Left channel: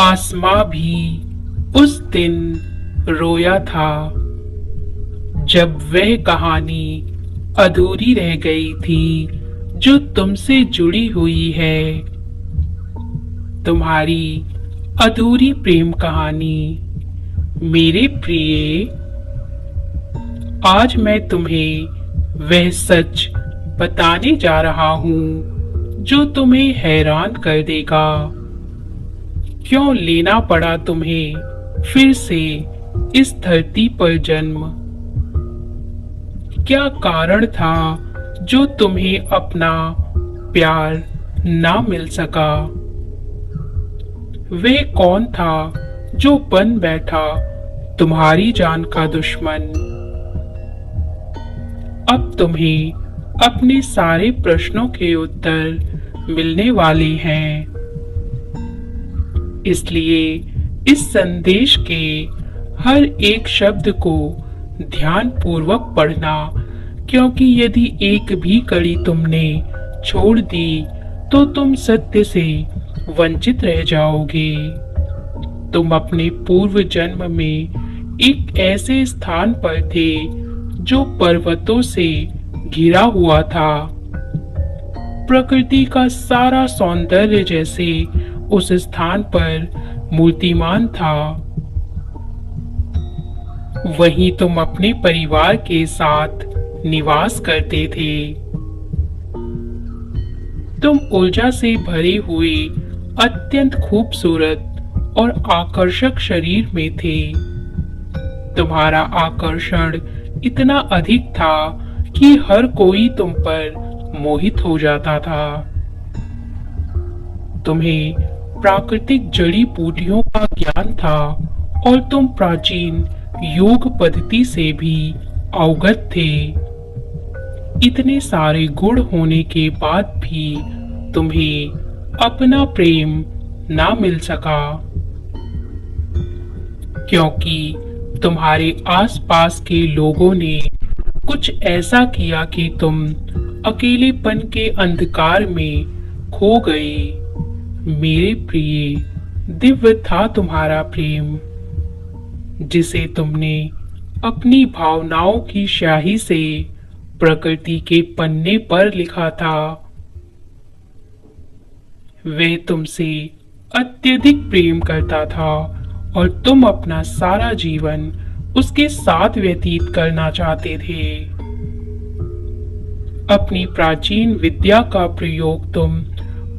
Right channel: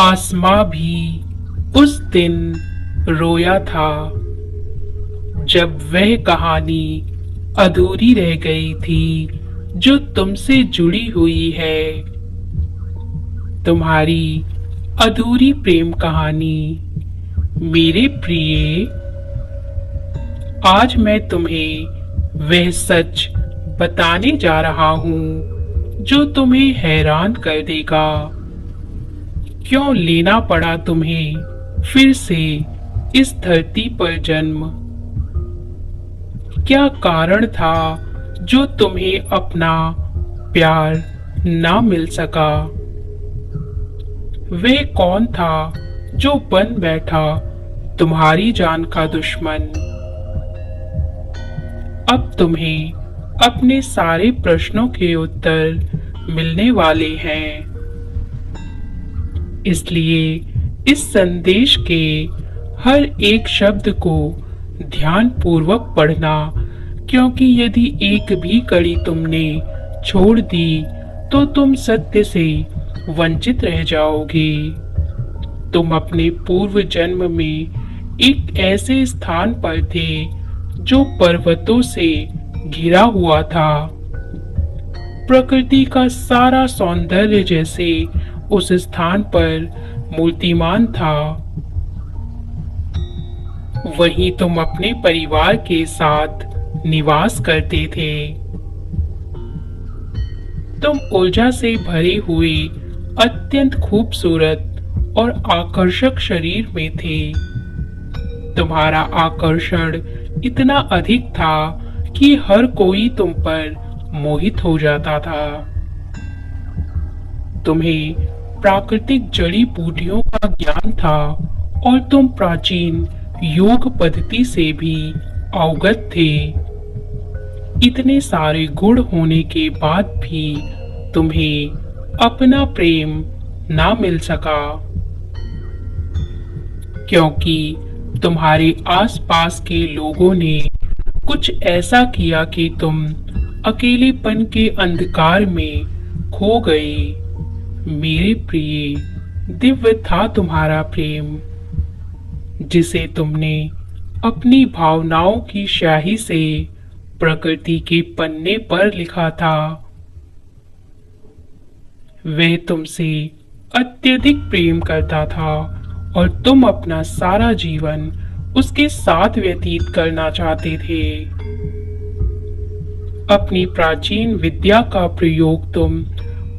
आसमां भी उस दिन रोया था जब वह कहानी अधूरी रह गई थी जो तुमसे जुड़ी हुई है। तुम्हारी अधूरी प्रेम कहानी। मेरे प्रिय, आज मैं तुम्हें वह सच बताने जा रहा हूँ जो तुम्हें हैरान कर देगा। क्यों लेना पड़ा तुम्हें फिर से इस धरती पर जन्म? क्या कारण था जो तुम्हें अपना प्यार ना मिल सका? वह कौन था जो बन बैठा तुम्हारी जान का दुश्मन? अब तुम्हें अपने सारे प्रश्नों के उत्तर मिलने वाले हैं। इसलिए इस संदेश के हर एक शब्द को ध्यान पूर्वक पढ़ना, क्योंकि यदि एक भी कड़ी तुमने छोड़ दी तो तुम सत्य से वंचित रह जाओगे। तुम अपने पूर्व जन्म में एक ऐसे स्थान पर थे जो पर्वतों से घिरा हुआ था। प्रकृति का सारा सौंदर्य जैसे उस स्थान पर मूर्तिमान था। वहीं तुम अपने परिवार के साथ निवास करते थे। तुम ऊर्जा से भरे हुए अत्यंत खूबसूरत और आकर्षक शरीर में थे। तुम्हारा आकर्षण इतना अधिक था कि हर कोई तुम पर मोहित हो जाता था। तुम्हें प्राकृतिक जड़ी बूटियों का ज्ञान था और तुम प्राचीन योग पद्धति से भी अवगत थे। इतने सारे गुण होने के बाद भी तुम्हें अपना प्रेम ना मिल सका, क्योंकि तुम्हारे आसपास के लोगों ने कुछ ऐसा किया कि तुम अकेलेपन के अंधकार में खो गए। मेरे प्रिय, दिव्य था तुम्हारा प्रेम, जिसे तुमने अपनी भावनाओं की स्याही से प्रकृति के पन्ने पर लिखा था। वे तुमसे अत्यधिक प्रेम करता था और तुम अपना सारा जीवन उसके साथ व्यतीत करना चाहते थे। अपनी प्राचीन विद्या का प्रयोग तुम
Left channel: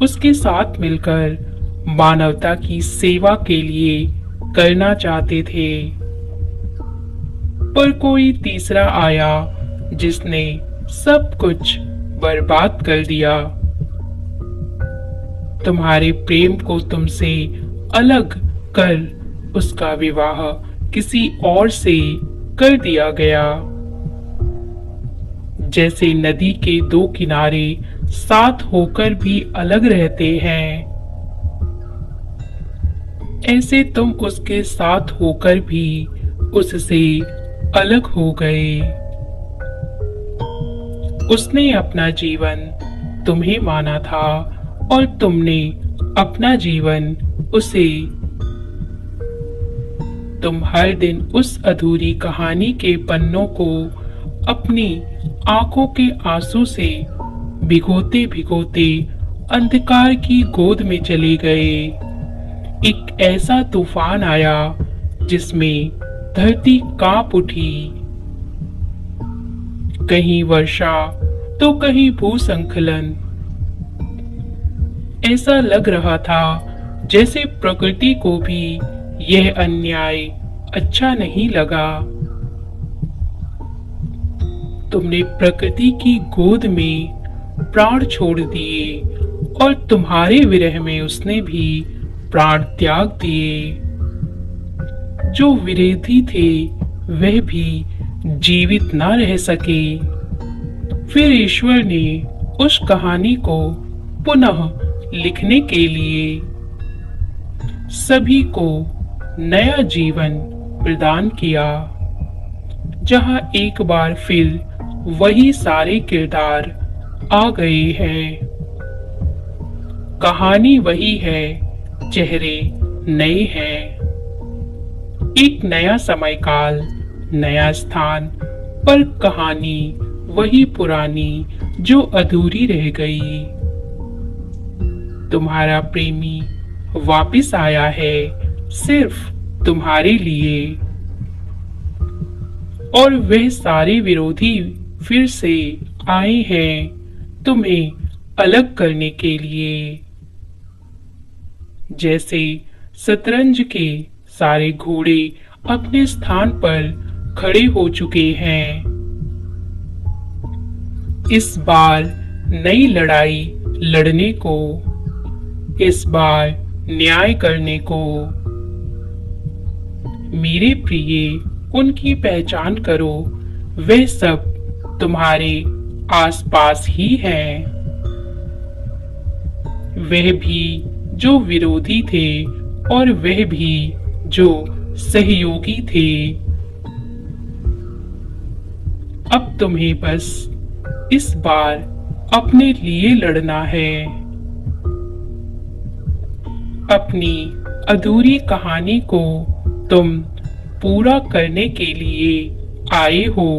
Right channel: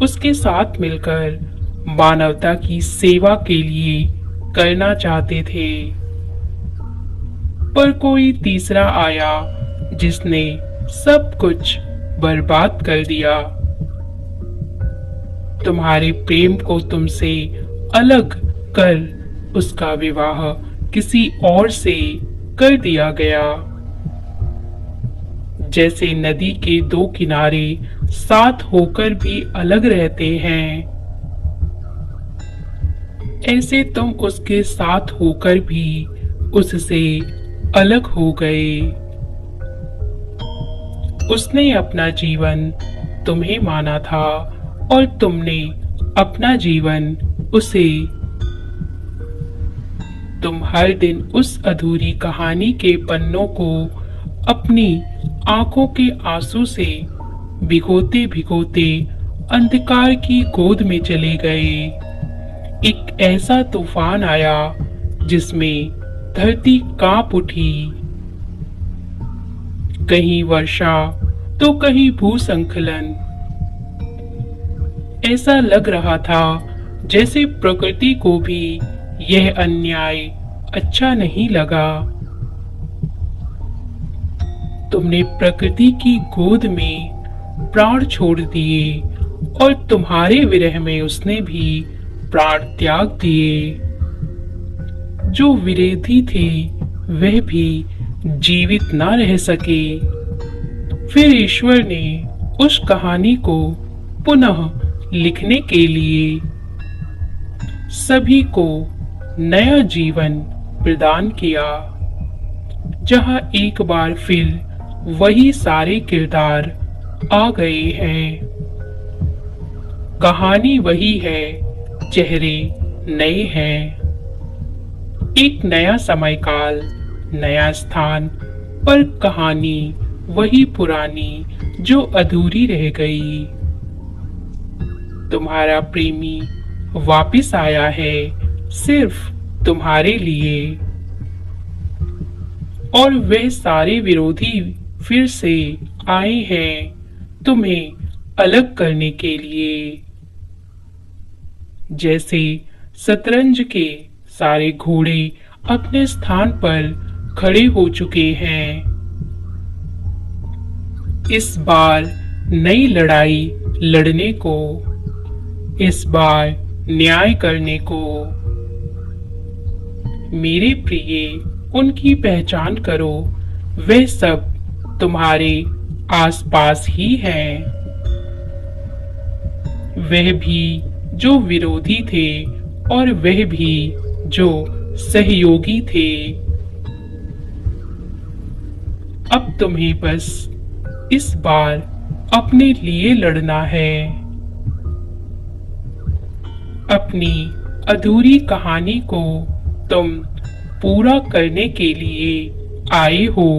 उसके साथ मिलकर मानवता की सेवा के लिए करना चाहते थे। पर कोई तीसरा आया जिसने सब कुछ बर्बाद कर दिया। तुम्हारे प्रेम को तुमसे अलग कर उसका विवाह किसी और से कर दिया गया। जैसे नदी के दो किनारे साथ होकर भी अलग रहते हैं, ऐसे तुम उसके साथ होकर भी उससे अलग हो गए। उसने अपना जीवन तुम्हें माना था और तुमने अपना जीवन उसे। तुम हर दिन उस अधूरी कहानी के पन्नों को अपनी आंखों के आंसू से भिगोते भिगोते अंधकार की गोद में चले गए। एक ऐसा तूफान आया जिसमें धरती कांप उठी। कहीं वर्षा तो कहीं भूस्खलन। ऐसा लग रहा था जैसे प्रकृति को भी यह अन्याय अच्छा नहीं लगा। तुमने प्रकृति की गोद में प्राण छोड़ दिए और तुम्हारे विरह में उसने भी प्राण त्याग दिए। जो विरोधी थे वह भी जीवित न रह सके। फिर ईश्वर ने उस कहानी को पुनः लिखने के लिए सभी को नया जीवन प्रदान किया, जहां एक बार फिर वही सारे किरदार आ गए हैं। कहानी वही है, चेहरे नए हैं। एक नया समय काल, नया स्थान, पर कहानी वही पुरानी जो अधूरी रह गई। तुम्हारा प्रेमी वापस आया है सिर्फ तुम्हारे लिए, और वह सारे विरोधी फिर से आए हैं तुम्हें अलग करने के लिए। जैसे शतरंज के सारे घोड़े अपने स्थान पर खड़े हो चुके हैं, इस बार नई लड़ाई लड़ने को, इस बार न्याय करने को। मेरे प्रिय, उनकी पहचान करो, वे सब तुम्हारे आसपास ही हैं। वह भी जो विरोधी थे और वह भी जो सहयोगी थे। अब तुम्हें बस इस बार अपने लिए लड़ना है। अपनी अधूरी कहानी को तुम पूरा करने के लिए आए हो।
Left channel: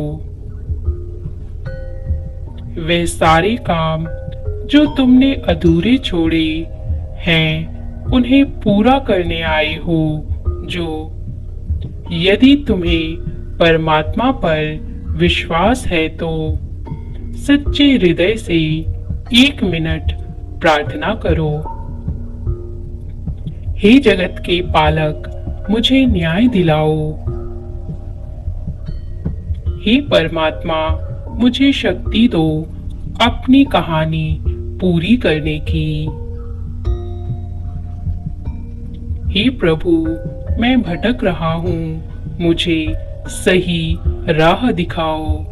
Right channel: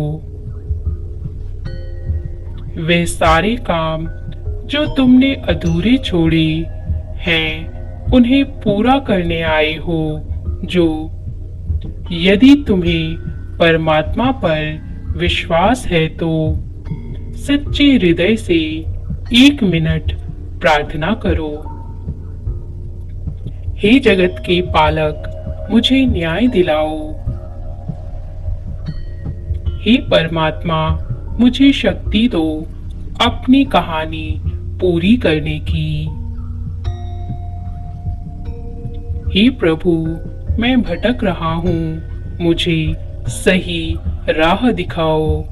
वे सारे काम जो तुमने अधूरे छोड़े हैं, उन्हें पूरा करने आए हो। जो यदि तुम्हें परमात्मा पर विश्वास है तो सच्चे हृदय से 1 मिनट प्रार्थना करो। हे जगत के पालक, मुझे न्याय दिलाओ। हे परमात्मा, मुझे शक्ति दो अपनी कहानी पूरी करने की। हे प्रभु, मैं भटक रहा हूँ, मुझे सही राह दिखाओ।